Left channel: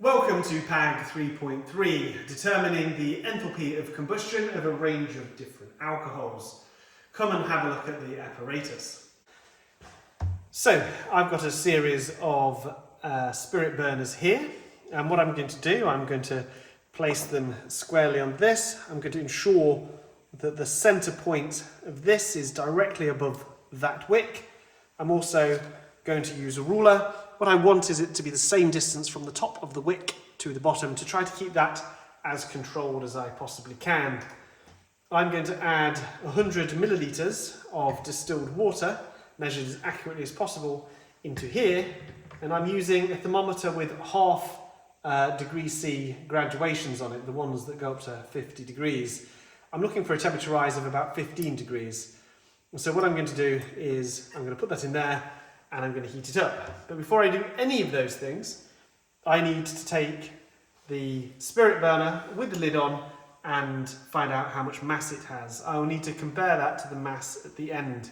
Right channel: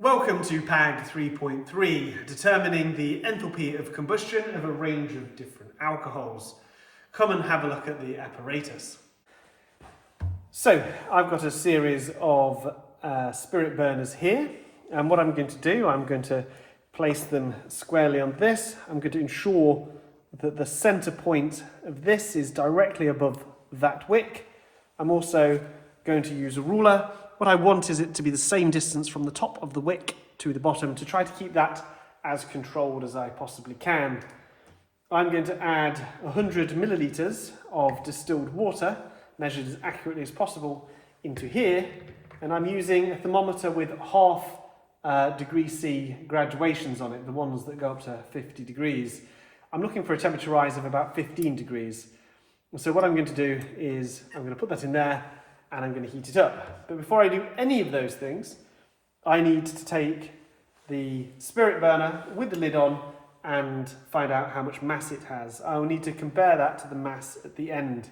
Welcome to PAG 3.3, determining the enthalpy of combustion of a range of different alcohols. Come and have a look at the apparatus. So, I've got a series of spirit burners here, and what I'm going to do, I'm going to place them squarely on this. I'm going to ensure that the centre point of this is directly above that wick. I'm also going to use a ruler. What I want is it to be the same distance from the top of the wick to the bottom to try to keep that as controlled as I possibly can. I'm going to add 100 millilitres of distilled water, measured as accurately as possible, into here, and I'm using a thermometer with half degree C graduations on it, the ones that go up to 50 degrees. I'm looking for a temperature rise of about 15 degrees. So what I'm going to do is I'm going to put that in there and I'm going to heat it up. But before I do any of those things, I need to take the spirit burner with the lid on and find out how much mass it has. I will need to compare that to the mass at the end.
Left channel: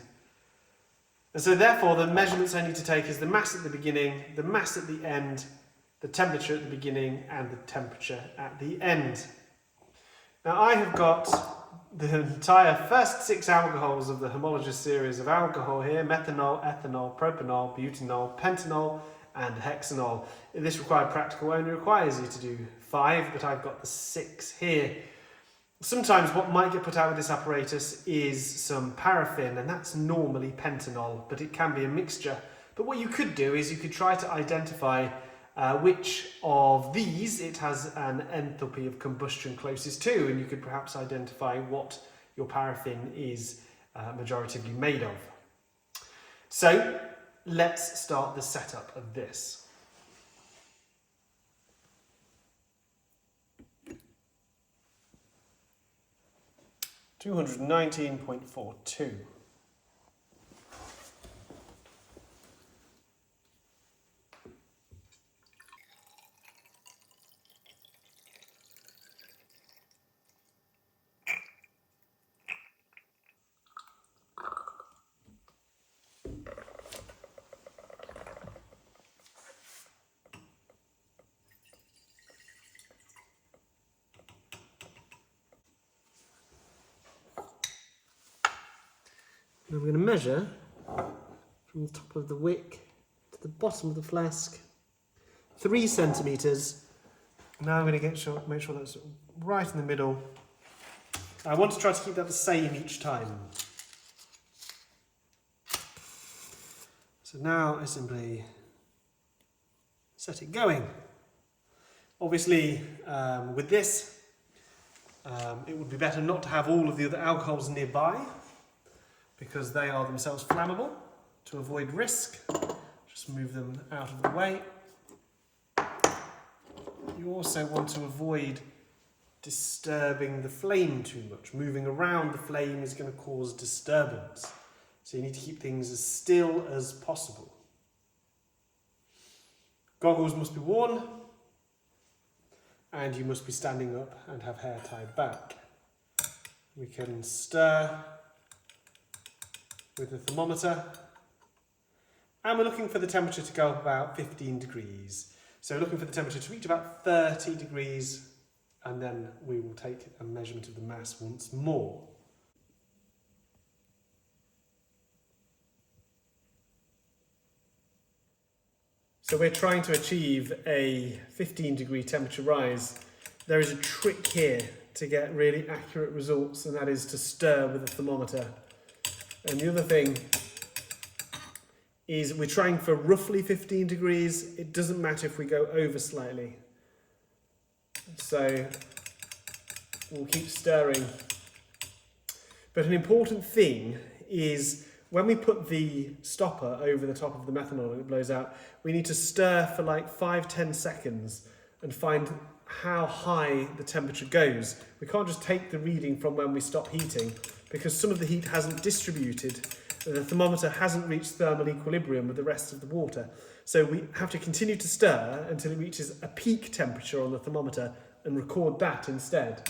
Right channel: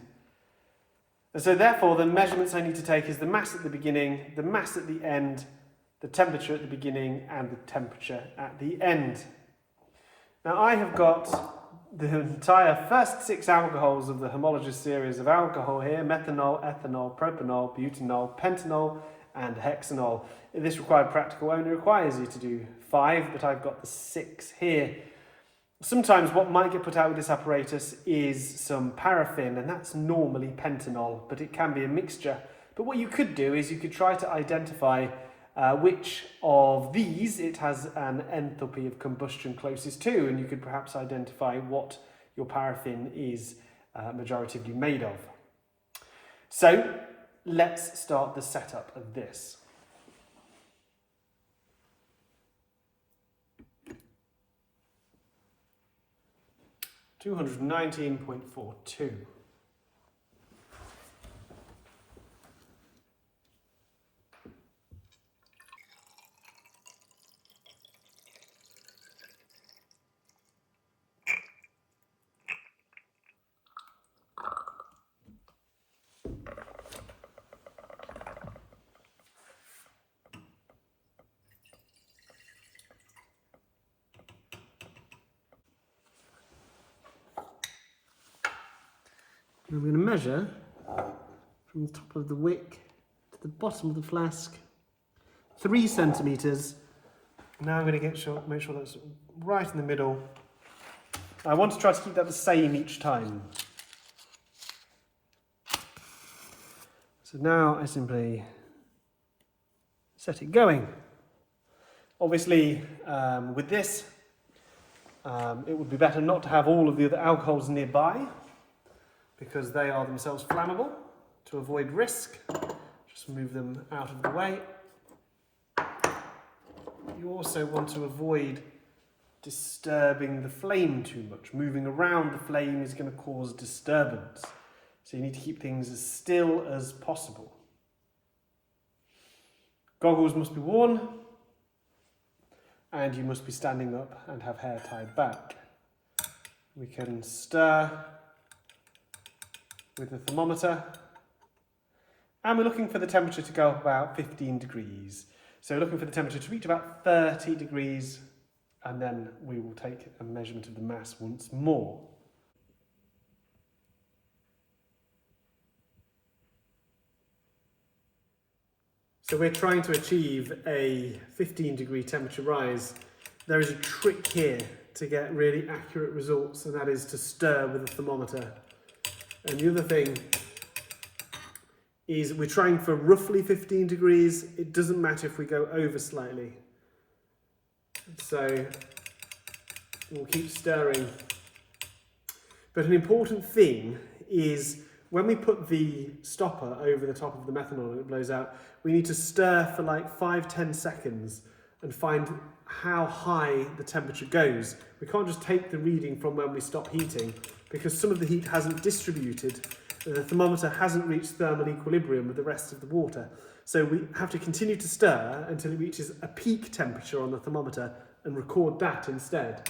And so therefore the measurements I need to take is the mass at the beginning, the mass at the end, the temperature at the beginning and the temperature at the end. Now I have got the entire first 6 alcohols of the homologous series of alcohol here: methanol, ethanol, propanol, butanol, pentanol and hexanol. This required practical only requires you to do 5, but I've got the 6 here. Sometimes what might get put out with this apparatus is some paraffin, and that's normally pentanol, but it can be a mixture. But what you could do is you could try to identify which of these it has an enthalpy of combustion closest to, and you could perhaps identify what your paraffin is majoritively made of. So let's start the setup of this. $219.42. I'm going to measure from the top of the wick to the bottom of the flask, 3 centimetres. Now I'm going to make sure that's right in the middle. I want to try to keep that the same each time. So now I simply set it going. Obviously, with this, it would be better not to have all of the other alcohols nearby, because they are themselves flammable. To avoid risk, just move them out of the way. You also want to avoid disturbing the flame too much. Moving around the flame is going to cause disturbance. So you need to keep things as still as possible. Goggles must be worn, and you must be standing up and have hair tied back. We can stir with the thermometer, and we're looking for the temperature to go up about 15 degrees. So we're looking for the temperature to reach about 30 degrees, and then we will take a measurement of the mass once more. So we're trying to achieve a 15-degree temperature rise. There is a trick here to get really accurate results, and that is to stir with the thermometer. And the other thing is we're trying for roughly 15 degrees. It doesn't matter if we go over slightly. So we'll keep stirring. But an important thing is when we put the stopper over the top of the methanol and it blows out, we need to stir for like 5-10 seconds and find how high the temperature goes. We can't just take the reading from when we stop heating, because some of the heat hasn't distributed. The thermometer hasn't reached thermal equilibrium with the rest of the water. So we have to continue to stir until it reaches a peak temperature on the thermometer and record that instead.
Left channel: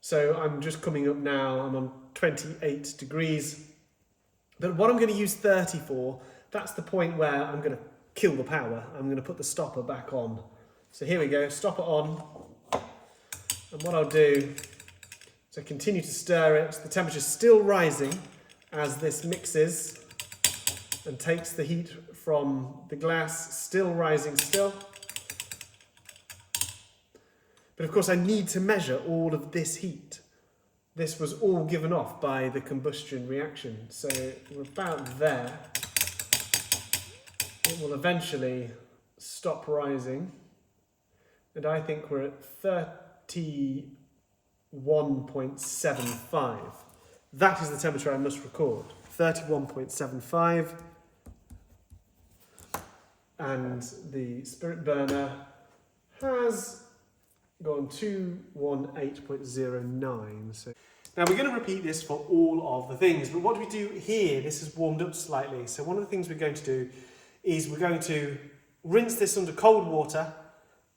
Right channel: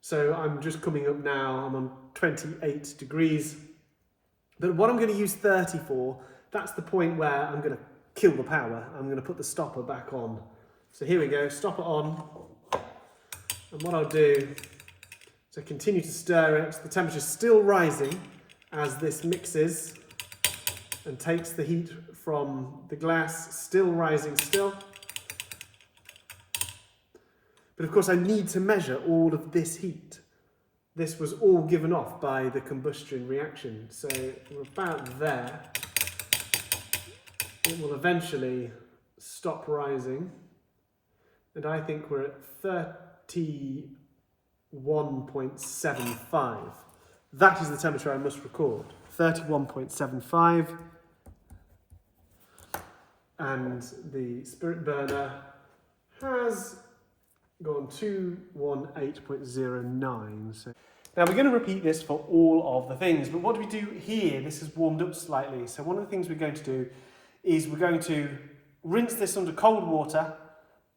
So I'm just coming up now, I'm on 28 degrees. But what I'm going to use 30 for, that's the point where I'm going to kill the power. I'm going to put the stopper back on. So here we go, stopper on. And what I'll do is I continue to stir it. The temperature's still rising as this mixes and takes the heat from the glass, still rising still. But of course I need to measure all of this heat. This was all given off by the combustion reaction. So we're about there. It will eventually stop rising. And I think we're at 31.75. That is the temperature I must record. 31.75. And the spirit burner has gone 218.09. So now we're going to repeat this for all of the things, but what do we do here? This has warmed up slightly. So one of the things we're going to do is we're going to rinse this under cold water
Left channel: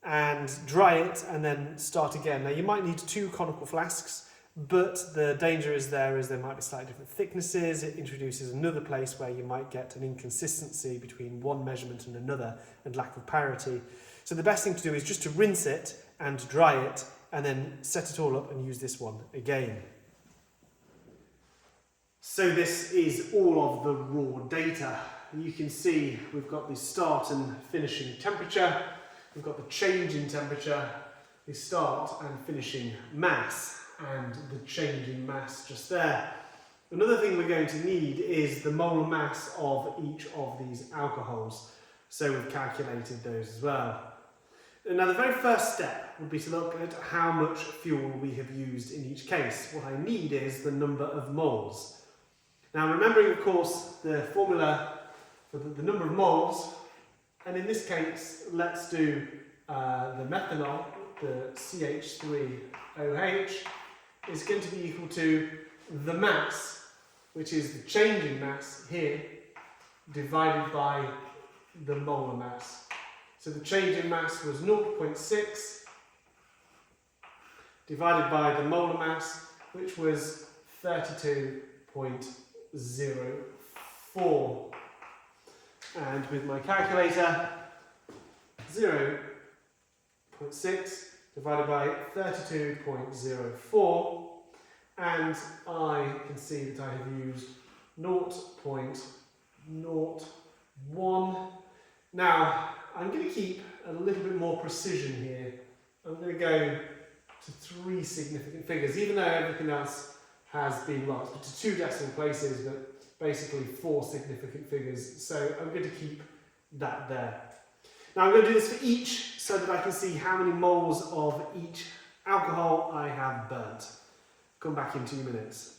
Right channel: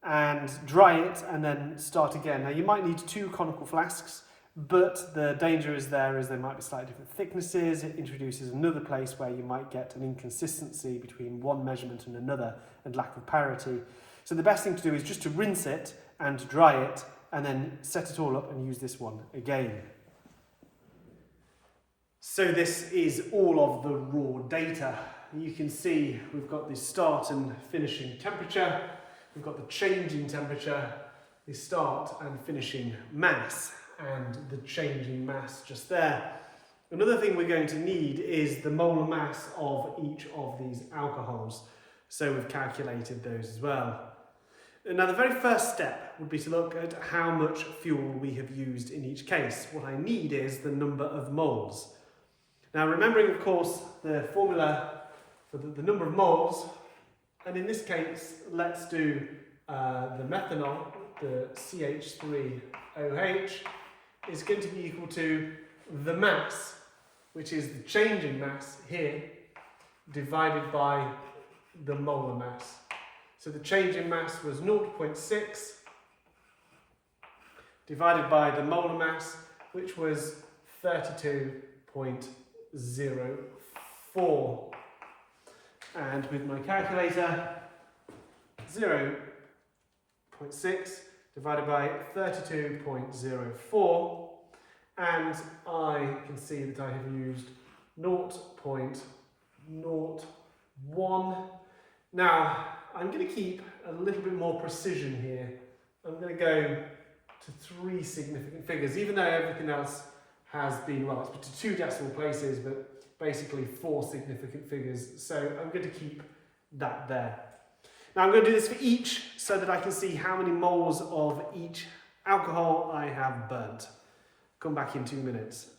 and dry it and then start again. Now you might need 2 conical flasks, but the danger is they might be slightly different thicknesses. It introduces another place where you might get an inconsistency between one measurement and another and lack of parity. So the best thing to do is just to rinse it and dry it and then set it all up and use this one again. So this is all of the raw data. You can see we've got the start and finishing temperature, we've got the change in temperature, the start and finishing mass, and the changing mass just there. Another thing we're going to need is the molar mass of each of these alcohols. So we've calculated those as well. Now the very first step would be to look at how much fuel we have used in each case. What I need is the number of moles. Now remembering of course the formula for the number of moles, and in this case let's do the methanol, the CH3OH, is going to be equal to the mass, which is the changing mass here, divided by the molar mass. So the changing mass was 0.6 divided by the molar mass, which was 32.04. And with my calculator, 0.6 divided by 32.04, and I can see that I have used 0.01. Now, I'm going to keep a little bit more precision here. I'm going to go to 3 significant figures, even though everything else has been lost, but to 2 decimal places, but basically 4 significant figures. So I'm going to keep that there. Now I'm going to do this for each so that I can see how many moles of each alcohol I have burnt. Come back in 2 minutes.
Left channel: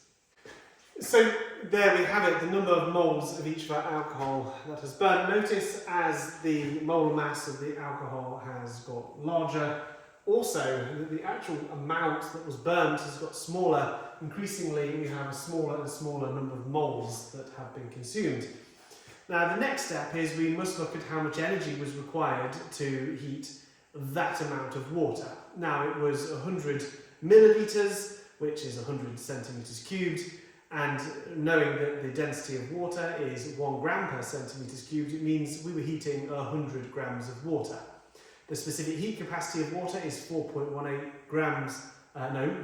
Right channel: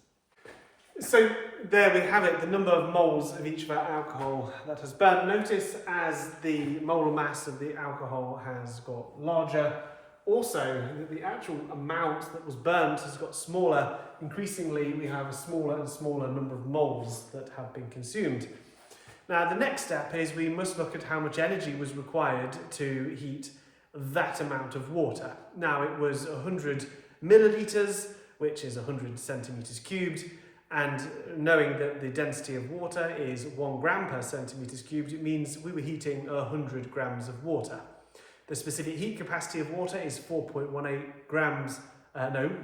So there we have it, the number of moles of each of our alcohol that has burnt. Notice as the molar mass of the alcohol has got larger, also that the actual amount that was burnt has got smaller. Increasingly we have a smaller and smaller number of moles that have been consumed. Now the next step is we must look at how much energy was required to heat that amount of water. Now it was 100 millilitres, which is 100 centimetres cubed, and knowing that the density of water is 1 gram per centimetres cubed, it means we were heating 100 grams of water. The specific heat capacity of water is 4.18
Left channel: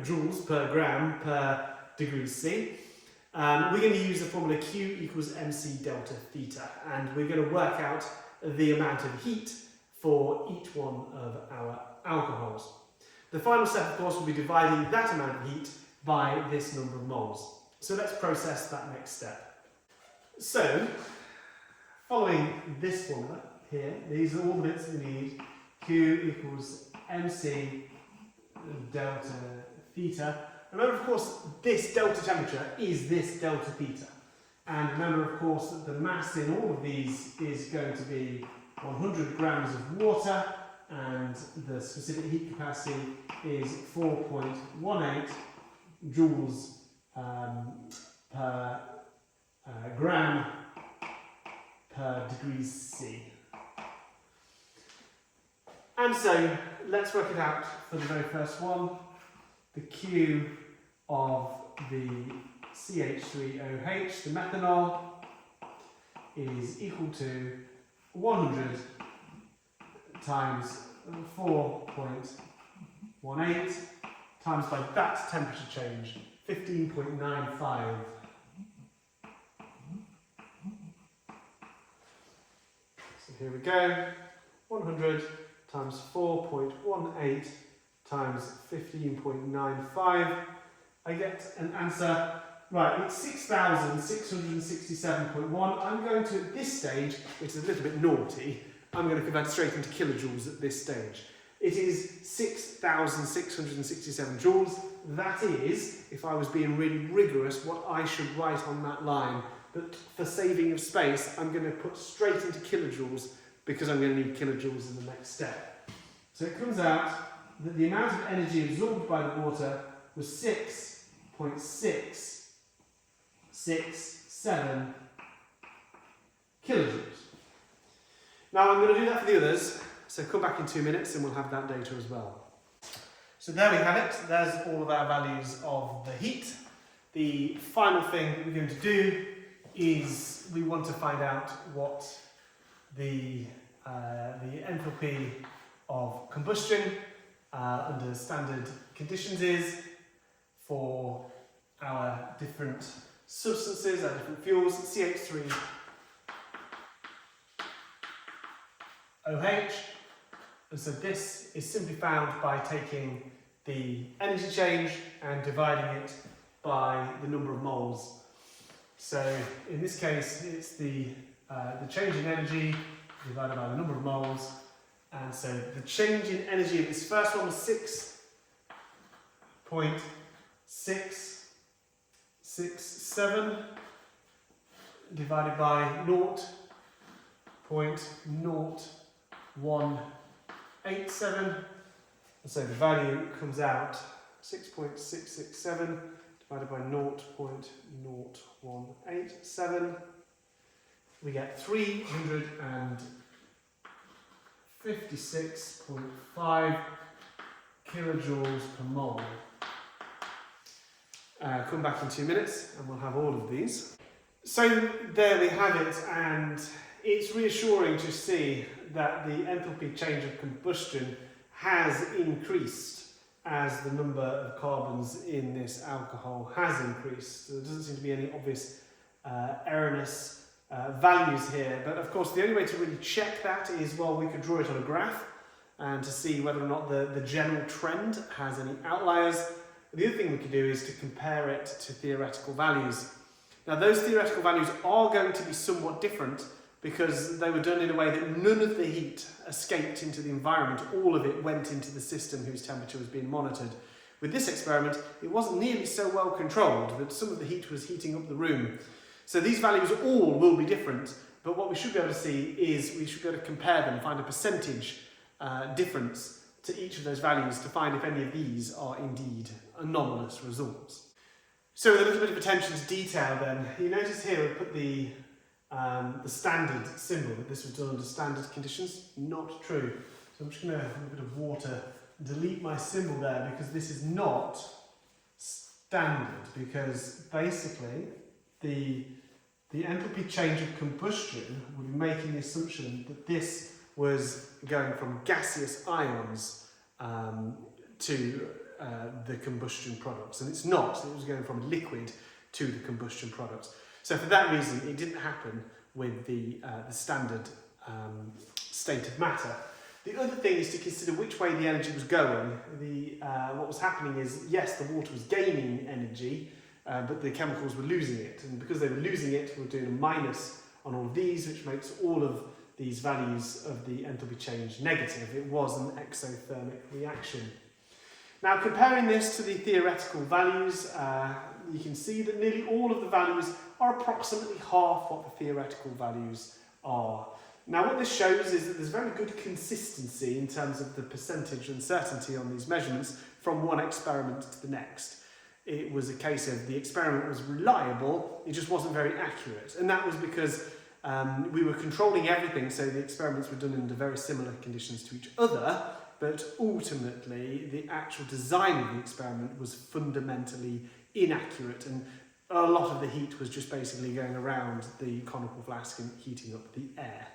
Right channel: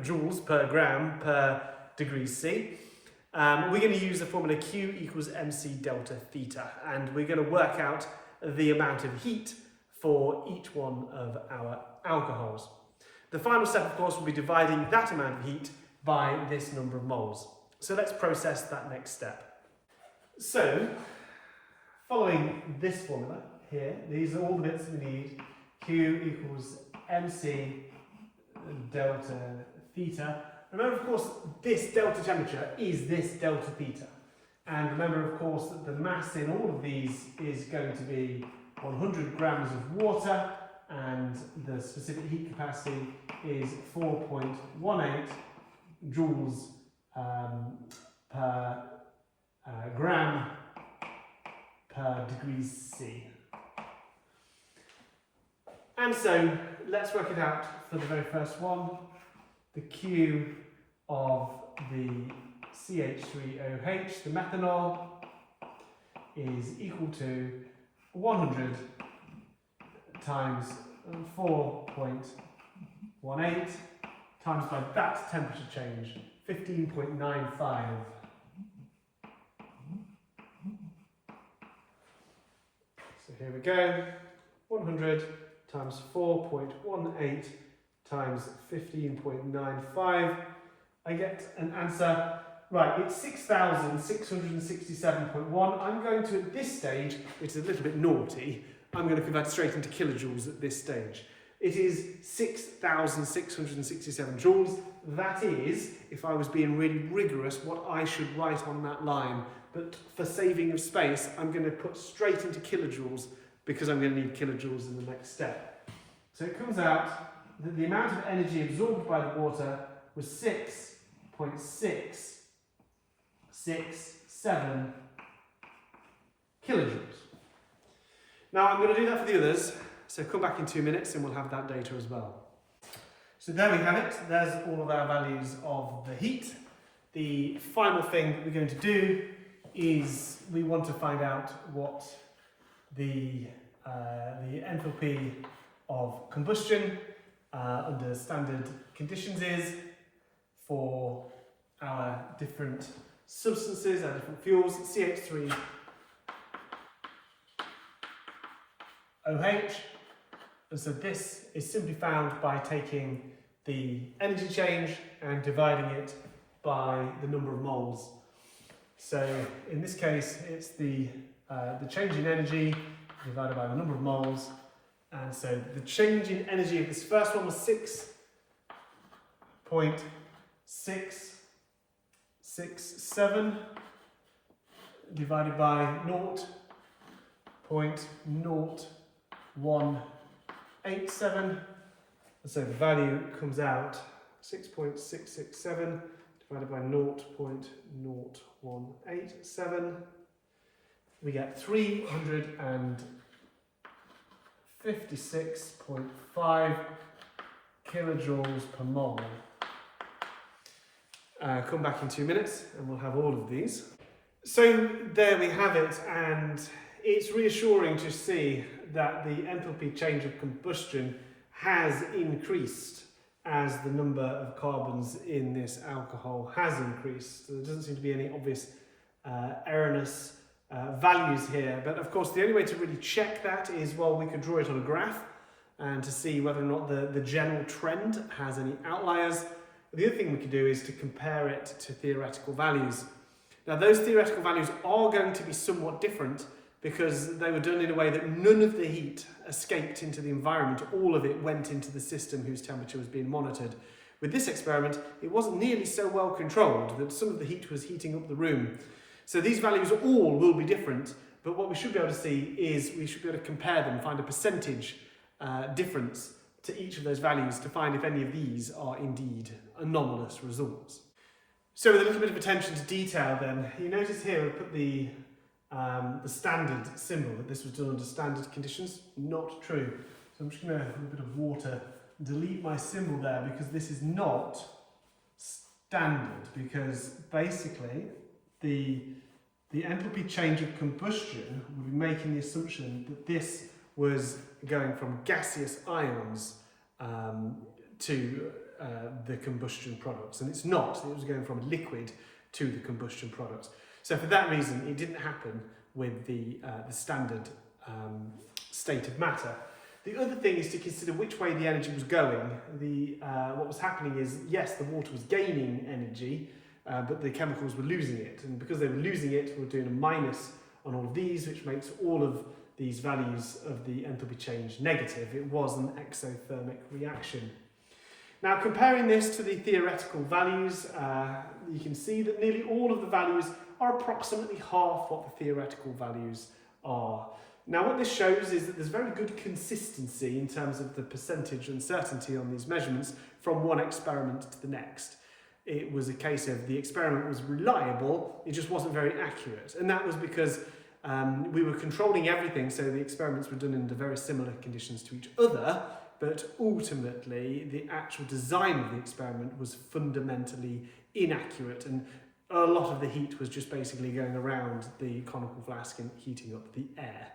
joules per gram per degrees C. We're going to use the formula Q equals mc delta theta, and we're going to work out the amount of heat for each one of our alcohols. The final step, of course, will be dividing that amount of heat by this number of moles. So let's process that next step. So, following this formula here, these are all the bits we need. Q equals mc delta theta. Remember, of course, this delta temperature is this delta theta. And remember, of course, that the mass in all of these is going to be 100 grams of water, and the specific heat capacity is 4.18 joules per gram per degrees C. And so let's work it out for the very first one. The Q of the CH3OH, the methanol, is equal to 100 times 4.18 times by that temperature change, 15.95. So here we go, 100 times 4.18 times 15.95. I get an answer, right, it's 6,667.1. I'm going to, at this stage, which is a little bit naughty, I'm going to convert it straight into kilojoules at this stage. It is 6,667 joules. That is, if I was being really rigorous, what I should write on that line. But for saving of space, I'm going to put straight into kilojoules because I'm going to need kilojoules in the next step. So it comes out that the amount of energy absorbed by the water was 6.667 kilojoules. Now I'm going to do that for the others, so come back in 2 minutes and we'll have that data as well. So there we have it, there's all of our values of the heat. The final thing that we're going to do is we want to find out what the enthalpy of combustion under standard conditions is for our different substances, our different fuels, CH3OH, and so this is simply found by taking the energy change and dividing it by the number of moles. So in this case, it's the change in energy divided by the number of moles, and so the change in energy of this first one was 6.667 divided by 0.0187, and so the value comes out 6.667 divided by 0.0187. We get 356.5 kilojoules per mole. Come back in 2 minutes and we'll have all of these. So there we have it, and it's reassuring to see that the enthalpy change of combustion has increased as the number of carbons in this alcohol has increased. So there doesn't seem to be any obvious erroneous values here, but of course the only way to really check that is, well, we could draw it on a graph and to see whether or not the general trend has any outliers. The other thing we could do is to compare it to theoretical values. Now those theoretical values are going to be somewhat different because they were done in a way that none of the heat escaped into the environment, all of it went into the system whose temperature was being monitored. With this experiment, it wasn't nearly so well controlled, that some of the heat was heating up the room. So these values all will be different, but what we should be able to see is we should be able to compare them, find a percentage difference to each of those values to find if any of these are indeed anomalous results. So with a little bit of attention to detail then, you notice here I've put the standard symbol, that this was done under standard conditions. Not true. So I'm just going to have a bit of water and delete my symbol there, because this is not standard, because basically the enthalpy change of combustion would be making the assumption that this was going from gaseous ions to the combustion products, and it's not. It was going from liquid to the combustion products. So for that reason, it didn't happen with the standard state of matter. The other thing is to consider which way the energy was going. What was happening is, yes, the water was gaining energy, but the chemicals were losing it. And because they were losing it, we're doing a minus on all of these, which makes all of these values of the enthalpy change negative. It was an exothermic reaction. Now, comparing this to the theoretical values, you can see that nearly all of the values are approximately half what the theoretical values are. Now, what this shows is that there's very good consistency in terms of the percentage uncertainty on these measurements from one experiment to the next. It was a case of the experiment was reliable, it just wasn't very accurate. And that was because we were controlling everything, so the experiments were done under very similar conditions to each other, but ultimately the actual design of the experiment was fundamentally inaccurate, and a lot of the heat was just basically going around the conical flask and heating up the air.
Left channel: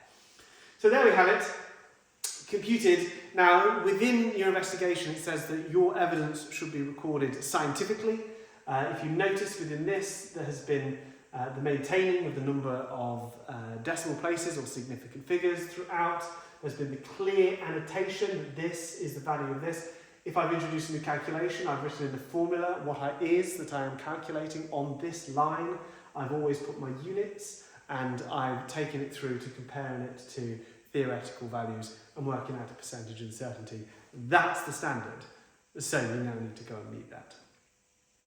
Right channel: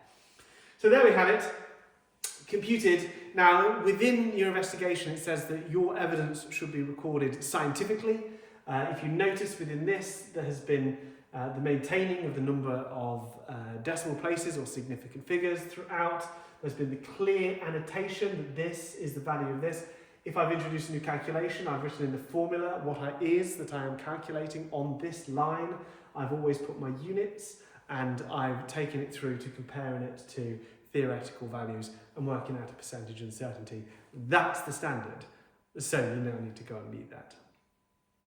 So there we have it, computed. Now, within your investigation, it says that your evidence should be recorded scientifically. If you notice within this, there has been the maintaining of the number of decimal places or significant figures throughout. There's been the clear annotation that this is the value of this. If I've introduced a new calculation, I've written in the formula what it is that I am calculating on this line. I've always put my units, and I've taken it through to comparing it to theoretical values and working out a percentage uncertainty. That's the standard. So you now need to go and meet that.